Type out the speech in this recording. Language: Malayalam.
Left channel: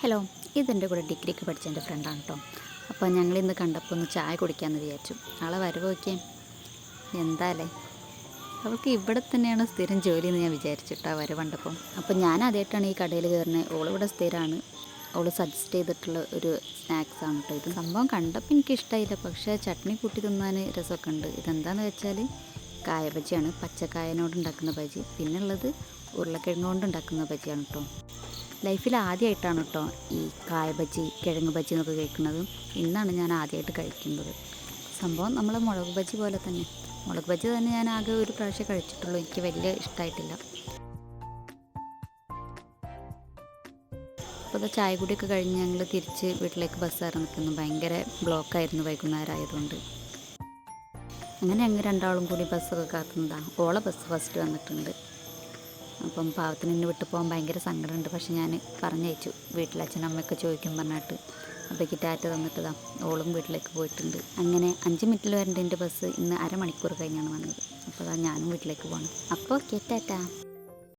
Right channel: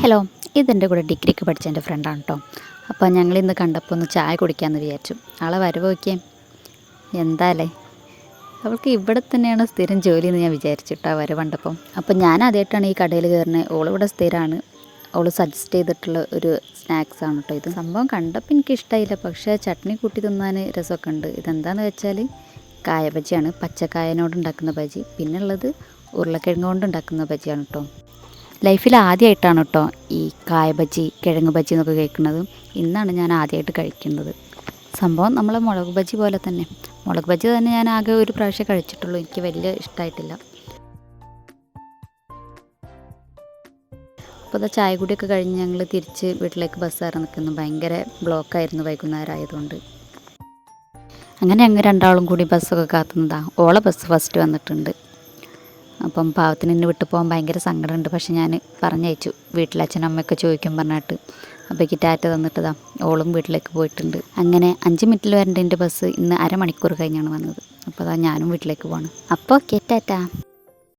ഹലോ ഇതെന്റെ കൂടെ ഡിഗ്രിക്ക് പഠിച്ച എന്റെ ഫ്രണ്ടാണ് കേട്ടോ അപ്പോൾ ഞങ്ങൾ ഇന്ന് കണ്ടപ്പോൾ ഒന്ന് ചായ കുടിക്കാമെന്ന് വിചാരിച്ചു. ആളെ വരവ് നോക്കിയേ എന്താല്ലേ അവൾക്ക് ഇവിടെ തന്നെയാണ് സ്ഥിരം ജോലി എന്ന് ഞാൻ വിചാരിച്ചിട്ടാ വരവ് കണ്ടപ്പം. അപ്പോൾ ഞാൻ ആദ്യമായിട്ടാണ് ഈ കടയിൽ കയറുന്നത് ഓളിവിടെ സ്ഥിരമാണ് അവൾ സജസ്റ്റ് ചെയ്തിട്ടുള്ള ഒരു സ്നാക്സ് ആണ് കേട്ടോ ഇത്. സംഭവം കണ്ടപ്പോൾ എനിക്ക് ഇഷ്ടമായില്ല പക്ഷേ ചട്നി കൂട്ടി തിന്നാൻ രസമൊക്കെ ഉണ്ട്. ഇതെന്താന്ന് വെച്ചാൽ കായ ബജിയാണ് പച്ചക്കായനോട് ഉണ്ടാക്കുന്ന ബജി. പിന്നെ ഉള്ളത് ഉരുളക്കിഴങ്ങ് കൊണ്ട് ഉണ്ടാക്കുന്ന ബജിയാണ് കേട്ടോ ലൈഫിൽ ആദ്യമായിട്ടാണ് കേട്ടോ ഈ കായ ബജി കിഴങ്ങ് ബജി എന്നൊക്കെ കഴിക്കുന്നത് ഇന്നാണ് ഞാൻ ആദ്യമായിട്ട് കഴിക്കുന്നത്. സംഭവം നമ്മളെ മുളക് ബജി പോലെ തന്നെ. മുളക് ബജി തന്നെ ഞാൻ ആകെ ഒരു പ്രാവശ്യം കഴിച്ചിട്ടുള്ളൂ. എനിക്ക് വലിയ ഇഷ്ടമായിട്ടില്ല. അപ്പോൾ അതാ ചായ കുടിയൊക്കെ കഴിഞ്ഞ് ഞങ്ങൾ തിരിച്ച് വീട്ടിലേക്ക് ബസ് കയറി നിൽക്കുന്നു ഭയങ്കര ബ്ലോക്കായിരുന്നു വൈകുന്നേരം ആയതുകൊണ്ട് അങ്ങനെ ഞങ്ങൾ രണ്ടാളും കൂടി ബസ്സൊക്കെ കാത്തുന്നതാണ് ഓളെ ബസ് ഫസ്റ്റ് വന്നിട്ടുണ്ട്. അപ്പം പാവത്തിന് എന്നെ വിട്ടു പോകാൻ ഭയങ്കര സങ്കടമുണ്ട്. പക്ഷെ ഞാൻ പറഞ്ഞയച്ചു. വീട്ടിൽ അച്ഛനും അമ്മയൊക്കെ ചോദിക്കും പറഞ്ഞിട്ട്. അപ്പോഴേക്ക് ടാറ്റ തന്നിട്ടതാ. ഓളും വീട്ടിലേക്ക് പോയിട്ടുണ്ട്. അങ്ങനെ അഞ്ച് മിനിറ്റിൽ വരേണ്ട എന്റെ ബസ് ഇന്ന് അരമണിക്കൂർ കഴിഞ്ഞാണ് വന്നത്. അപ്പോൾ അതാ ഞാനും വീട്ടിലേക്ക് പോകണം അപ്പോൾ ഓക്കെ ടാറ്റ.